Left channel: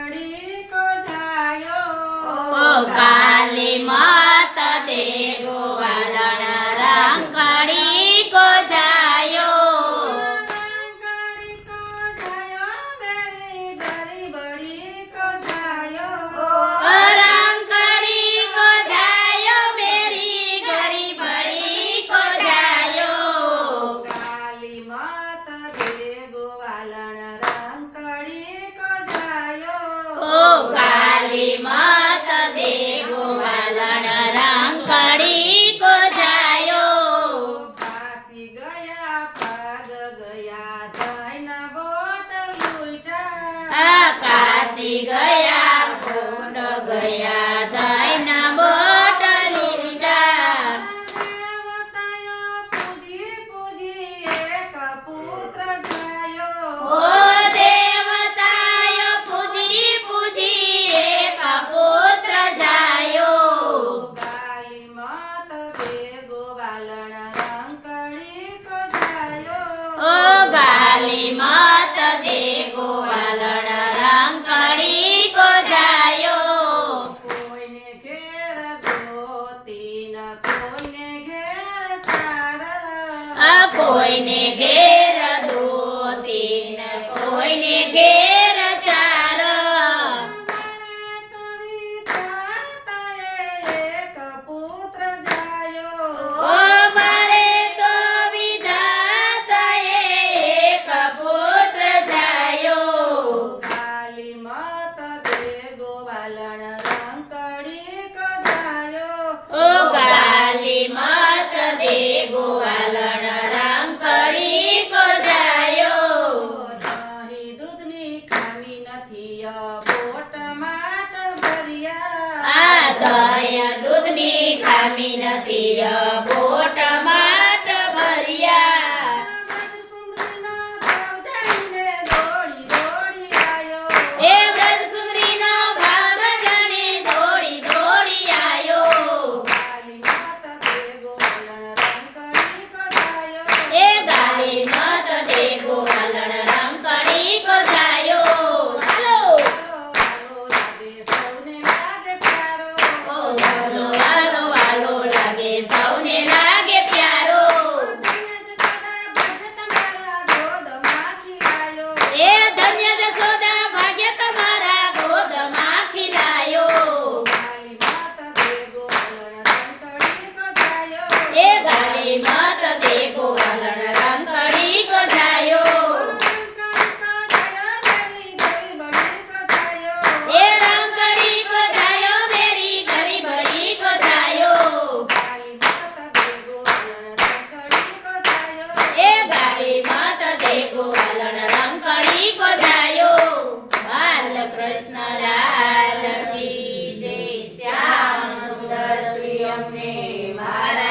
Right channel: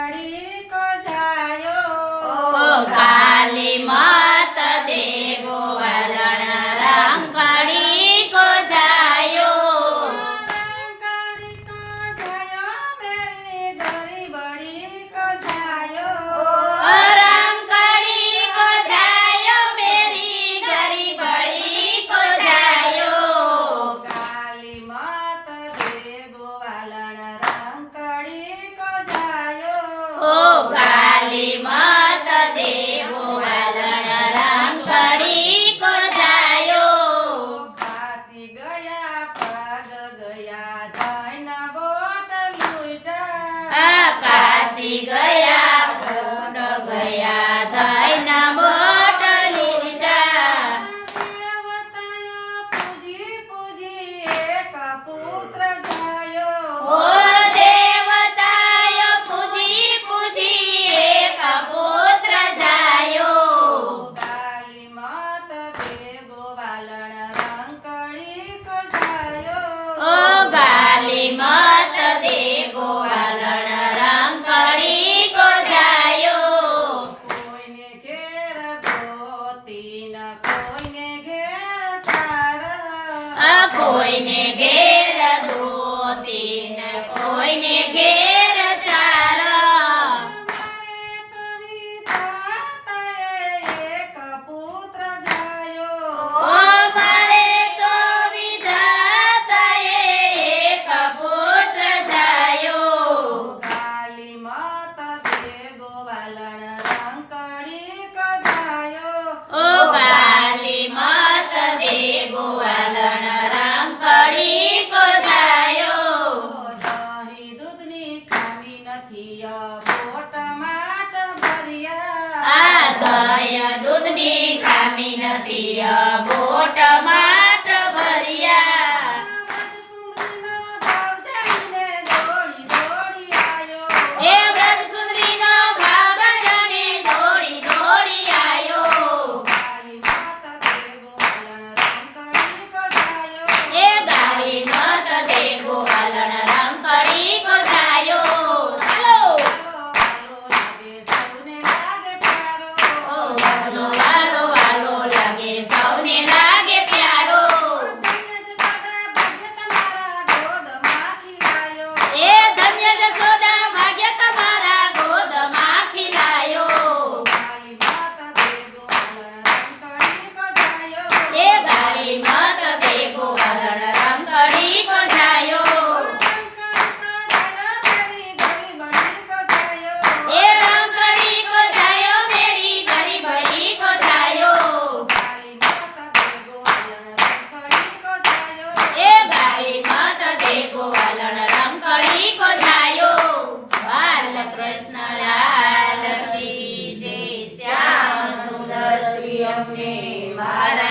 को जायो ओ काली मात दे गोवालन रंकड़ी को जायो रंकड़ी को जायो मेरी गरीबड़ी को जायो रंकड़ी को जायो मेरी गरीबड़ी को जायो काली मात दे गोवालन रंकड़ी को जायो ओ काली मात दे गोवालन रंकड़ी को जायो काशी गया पग गया धैन बोट लुटा काशी गया खोड गया धैन बोट लुटा देवतायो पूजी पूजी एक पुत्र जायो ओ देवतायो पूजी पूजी एक पुत्र जायो काली मात दे गोवालन रंकड़ी को जायो ओ गाली मात दे गोवालन रंकड़ी को जायो कोઈને ઘેર ધોતી ન કોઈને ઘેર ચાર કોઈને ઘેર દોતી ને કોઈને ઘેર ચાર મારે તો વિધાતાએ એક પુત્ર જાયો ઓ મારે તો વિધાતાએ એક પુત્ર જાયો કાલી માત દે ગોવાલણ રંકડી કો જાયો ઓ કાલી માત દે ગોવાલણ રંકડી કો જાયો દહીં દૂધની ખામી નથી બોટ માટ ભર્યા આ દય દૂધની ખામી નથી બોટ માટ ભર્યા સુંદરીના ભાવ જાણીને દોડી દોડી આવ્યો એ વ્રજ સુંદરીનો ભાગ જાણે દોડી દોડી આયો કાલી માત દે ગોવાલણ રંકડી કો જાયો એ ગાલી મત દે ગોવાલણ રંકડી કો જાયો ચાલો વાલો લાગે સૌને લાગે પ્યારો ઓ વાલો વાલો વાલો લાગે સૌને લાગે પ્યારો એ ધન્ય જશોદા ભાગ્ય તમારા ગોદમાં ખીલાયો એ ગાલી મત દે ગોવાલણ રંકડી કો જાયો એ રંકડી કો જાયો મેરી ગરીબડી કો જાયો એ ગાલી મત દે ગોવાલણ રંકડી કો જાયો બાલકૃષ્ણ રાધ કી જય શ્યામ સુંદર શ્રી અમને મારા